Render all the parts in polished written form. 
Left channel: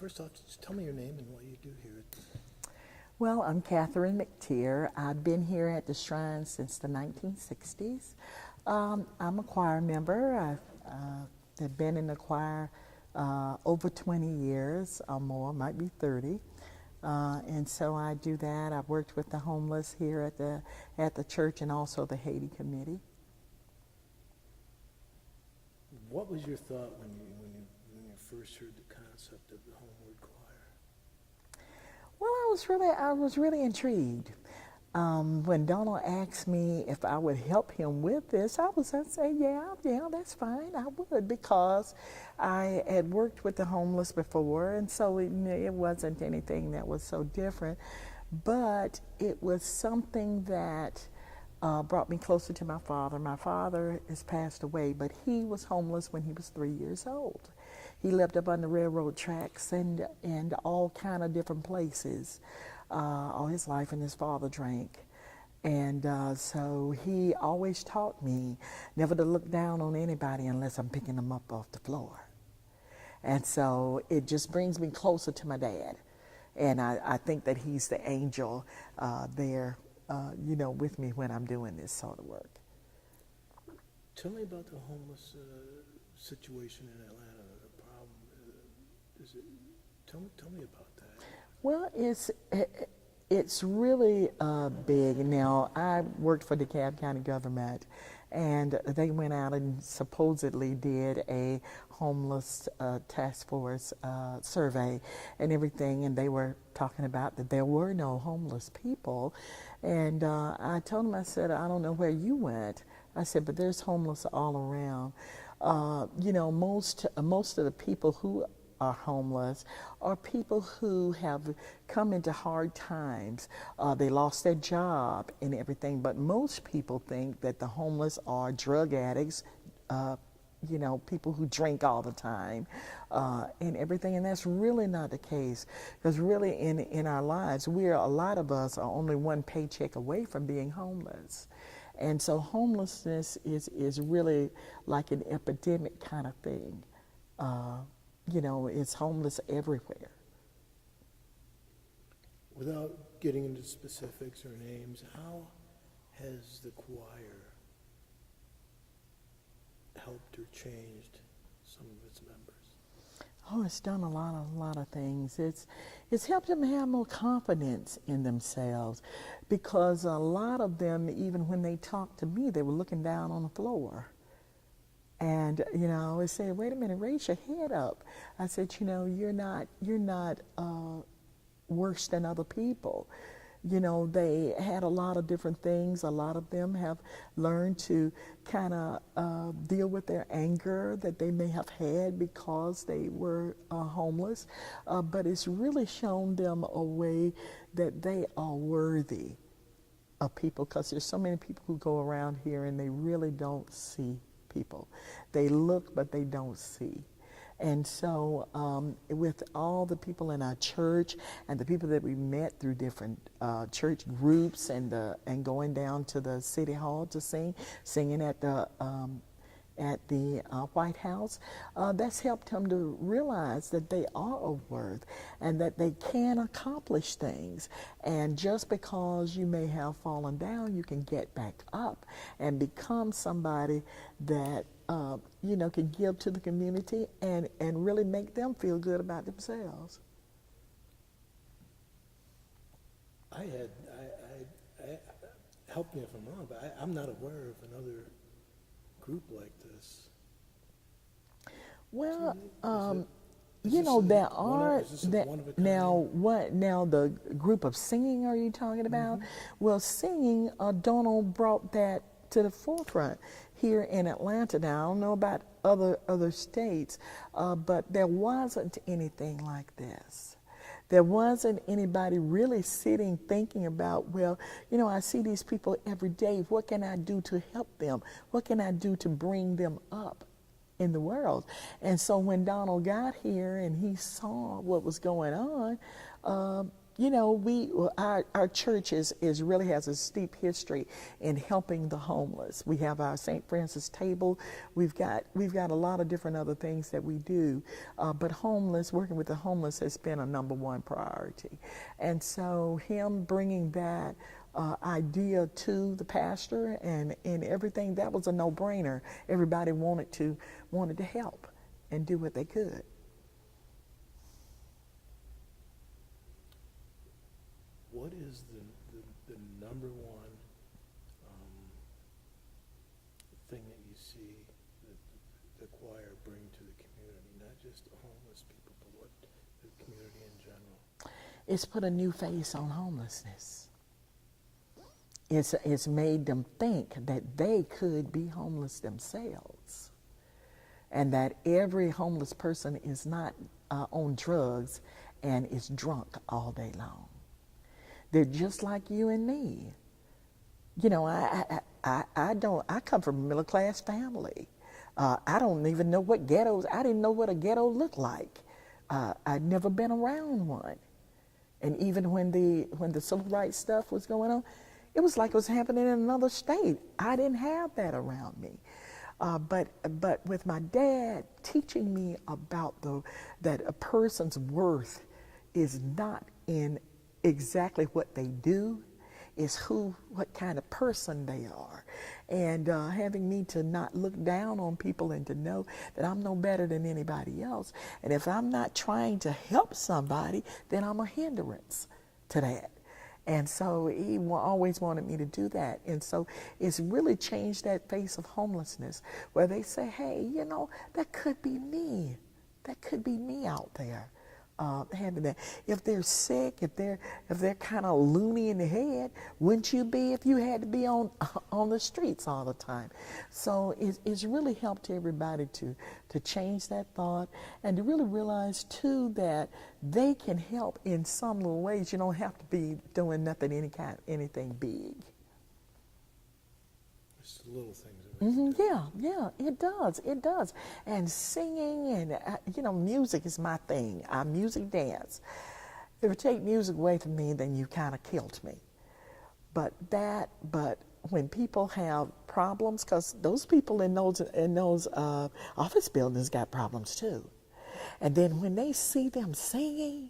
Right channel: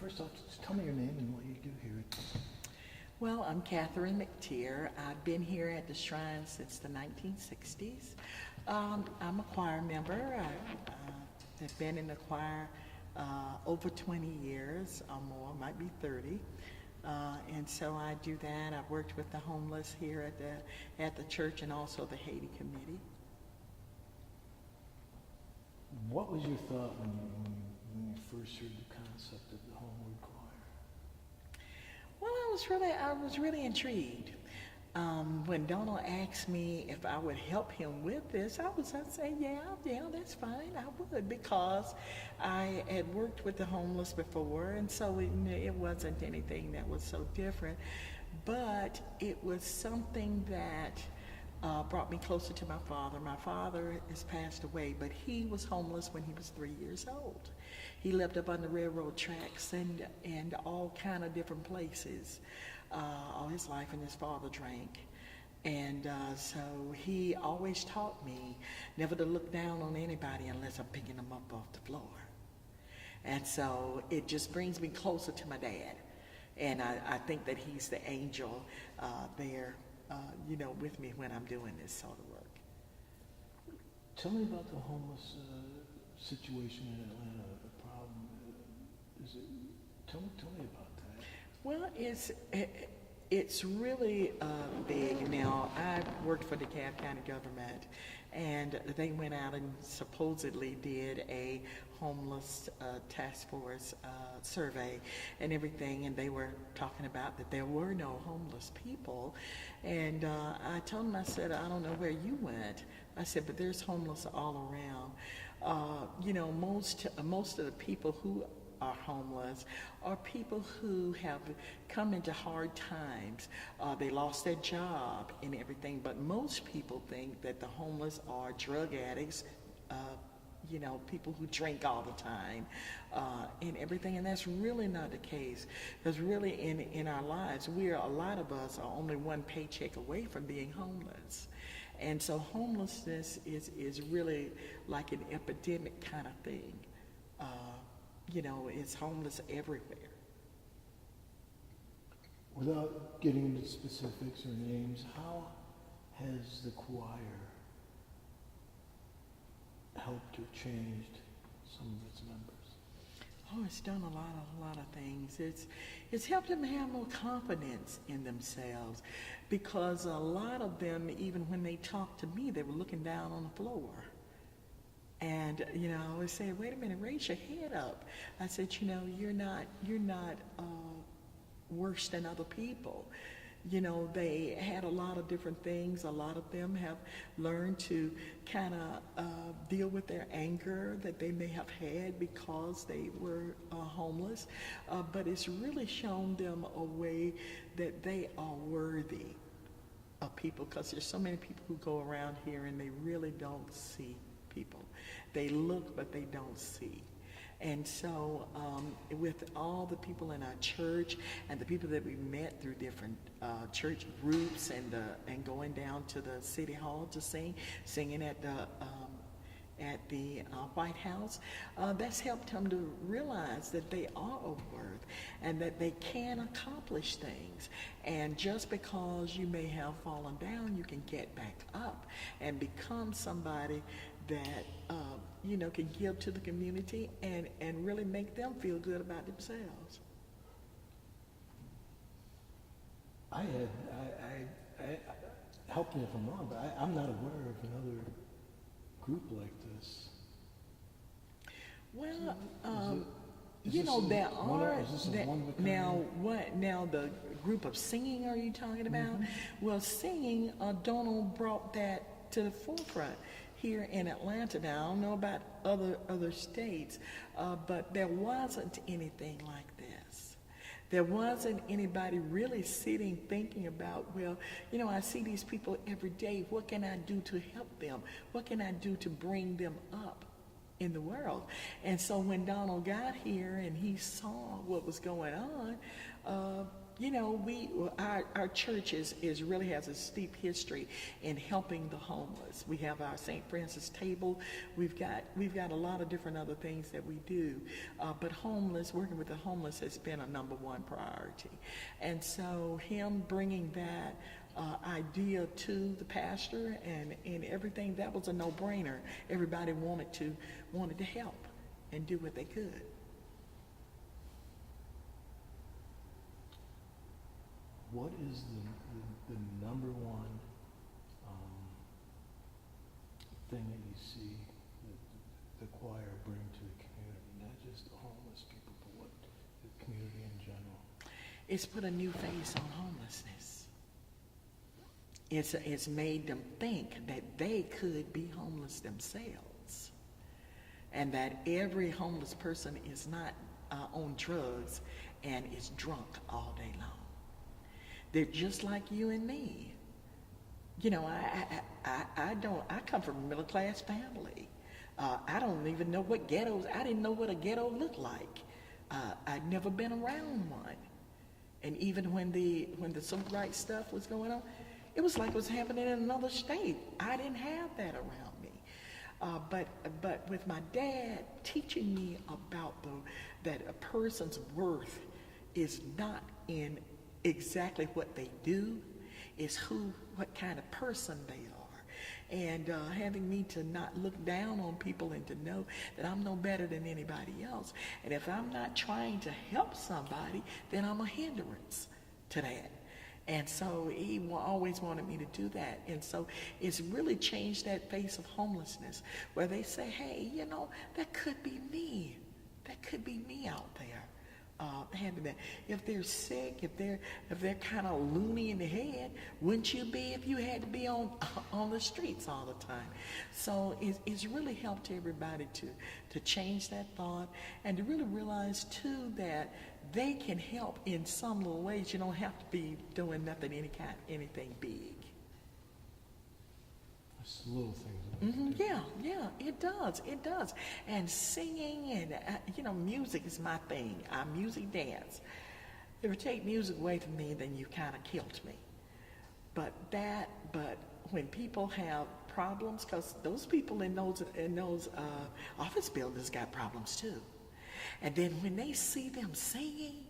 First off, just tell me your name and what you do here. Well, I'm Katherine McTeer. I've been here at the Shrine since the 1960s. I'm a choir member. I've been in the choir over 20 years or more, might be 30. And so I do that. I've worked with the homeless here at the church and also the Haiti Committee. What was your thought when you first heard the concept of the Homeward Choir? Well, I was really intrigued. When Donald asked me if I would help him with this, I'd say, yeah, that's fine. I would, because I had worked with the homeless before, and so it wasn't anything that was so different. But it was something that brought me closer to my father. My father has passed away, but he was homeless when he was 3 years old. He lived up on the railroad tracks and all kind of different places all his life, and his father drank. And so he always taught me never to look down on anybody unless I'm picking them up off the floor. And so it just brings me closer to my dad. And I think that he's the angel there, with me when I'm doing this sort of work. Tell me about the homeless situation in Atlanta, the problem. Tell me about that. Well, it's really big. Now, I worked for DeKalb County government, and they went out and supposedly did a homeless task force survey and everything, and they were talking about that there were no homeless people. And I told them, I said, I don't know where you went. I said, but there's homeless all around. Most of the people who are homeless are people who have come into hard times. They lost their job and everything, but most people think that the homeless are drug addicts, people who drink all the time and everything, and that's really not the case. Because really in our lives, a lot of us are only one paycheck away from being homeless. And so homelessness is really like an epidemic kind of thing. It's homeless everywhere. Without getting into specifics or names, how has the choir helped or changed some of its members? Oh, it's done a lot of things. It's helped them have more confidence in themselves, because a lot of them, even when they talked to me, they were looking down on the floor. And I always say, wait a minute, raise your head up. I said, you're not worse than other people. They had a lot of different things. A lot of them have learned to kind of deal with their anger that they may have had because they were homeless. But it's really shown them a way that they are worthy of people, because there's so many people who go around here and they really don't see people. They look, but they don't see. And so with all the people in our church and the people that we met through different church groups and going down to the city hall to singing at the White House, that's helped them to realize that they are of worth and that they can accomplish things. And just because you may have fallen down, you can get back up and become somebody that can give to the community and really make them feel good about themselves. I help me if I'm wrong, but I'm not aware of another group like this. Well, there are now the group of singing. Are you talking about? Mm-hmm. Well, singing, Donald brought that to the forefront here in Atlanta. Now I don't know about other states, but there wasn't anything like this. There wasn't anybody really sitting thinking about, I see these people every day. What can I do to help them? What can I do to bring them up in the world? And so when Donald got here and he saw what was going on, you know, our church is really has a steep history in helping the homeless. We have our St. Francis table. We've got a lot of different other things that we do, but working with the homeless has been a number one priority. And so him bringing that idea to the pastor and everything, that was a no-brainer. Everybody wanted to help and do what they could. What is the number one thing that you see that the choir bring to the community, not just the homeless people, but what the community in general? It's put a new face on homelessness. It's made them think that they could be homeless themselves, and that every homeless person is not on drugs and is drunk all day long. They're just like you and me. You know, I come from a middle class family. I don't even know what ghettos. I didn't know what a ghetto looked like. I'd never been around one. And even when the civil rights stuff was going on, it was like it was happening in another state. I didn't have that around me. But with my dad teaching me about that a person's worth is not in exactly what they do, is what kind of person they are. And having me to not look down on people and to know that I'm no better than anybody else. And if I'm not trying to help somebody, then I'm a hindrance to that. And so he always wanted me to do that. And so it's really changed that face of homelessness, where they say, hey, you know, that could be me. That could be me out there. Having that. If they're sick, if they're kind of loony in the head, wouldn't you be if you had to be on the streets all the time? So it's really helped everybody to change that thought and to really realize too that they can help in some little ways. You don't have to be doing anything big. Just little things. Yeah, it does. And singing and, music is my thing. I'm music dance. If you take music away from me, then you kind of killed me. But when people have problems, because those people in those office buildings got problems too. And then when they see them singing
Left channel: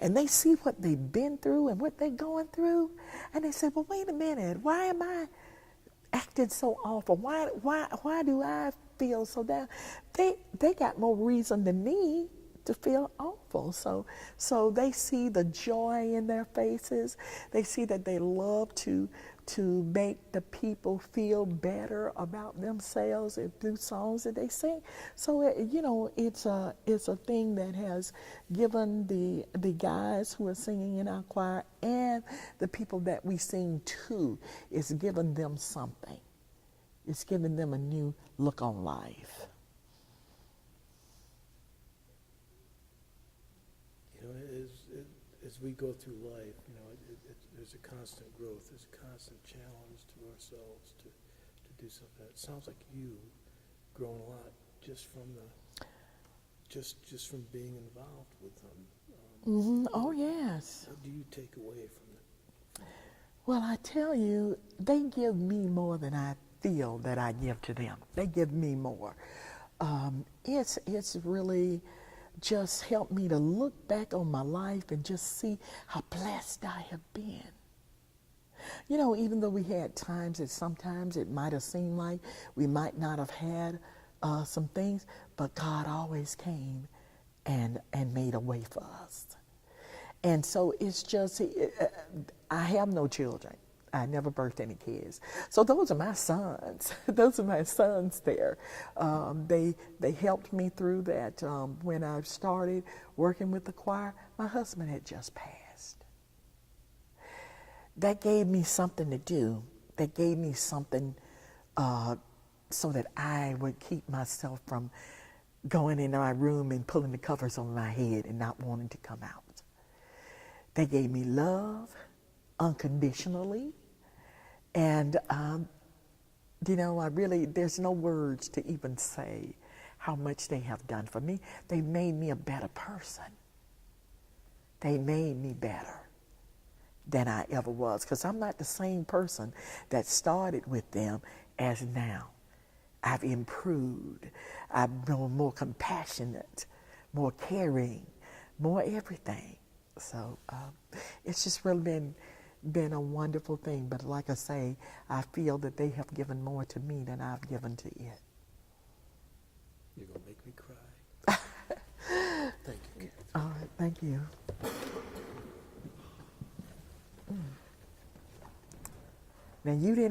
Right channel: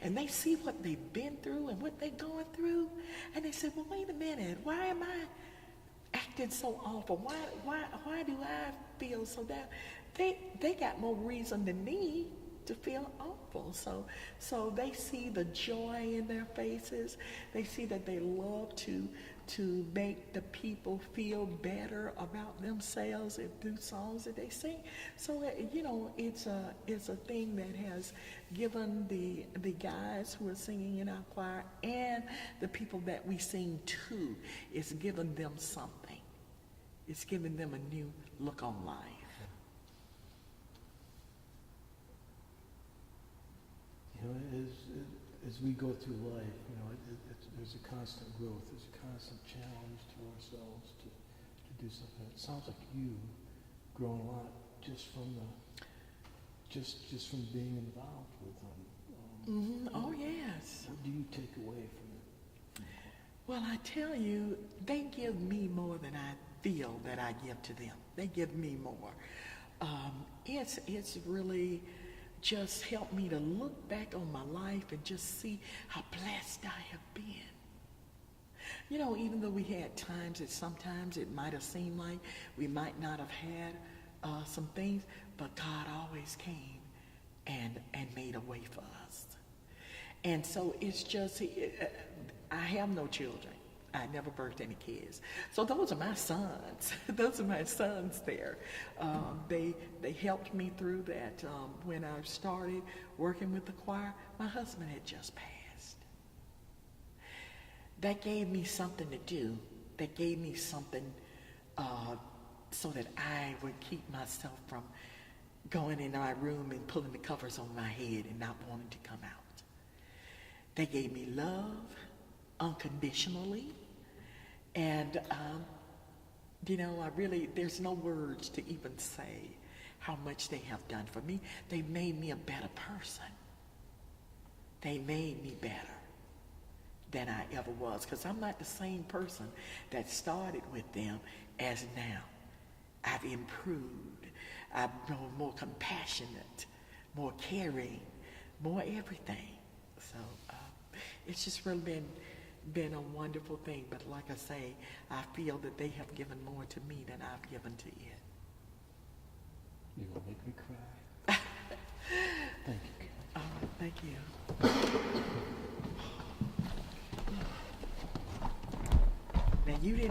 and they see what they've been through and what they're going through, and they say, well, wait a minute, why am I acting so awful? Why do I feel so down? They got more reason than me to feel awful. So they see the joy in their faces. They see that they love to make the people feel better about themselves through songs that they sing. So it's a thing that has given the guys who are singing in our choir and the people that we sing to, it's given them something. It's given them a new look on life. As we go through life, there's a constant growth. There's a constant challenge to ourselves to do something. It sounds like you've grown a lot just from being involved with them. Oh yes. What do you take away from it? Well, I tell you, they give me more than I feel that I give to them. They give me more. It's really just helped me to look back on my life and just see how blessed I have been. Even though we had times that sometimes it might have seemed like we might not have had some things, but God always came and made a way for us. And so it's just, I have no children. I never birthed any kids. So those are my sons. Those are my sons there. They helped me through that. When I started working with the choir, my husband had just passed. That gave me something to do. That gave me something so that I would keep myself from going in my room and pulling the covers over my head and not wanting to come out. They gave me love unconditionally. And, there's no words to even say how much they have done for me. They made me a better person. They made me better. than I ever was, because I'm not the same person that started with them as now. I've improved. I've been more compassionate, more caring, more everything. So it's just really been a wonderful thing. But like I say, I feel that they have given more to me than I've given to it. You're going to make me cry. Thank you. All right, thank you. Now you didn't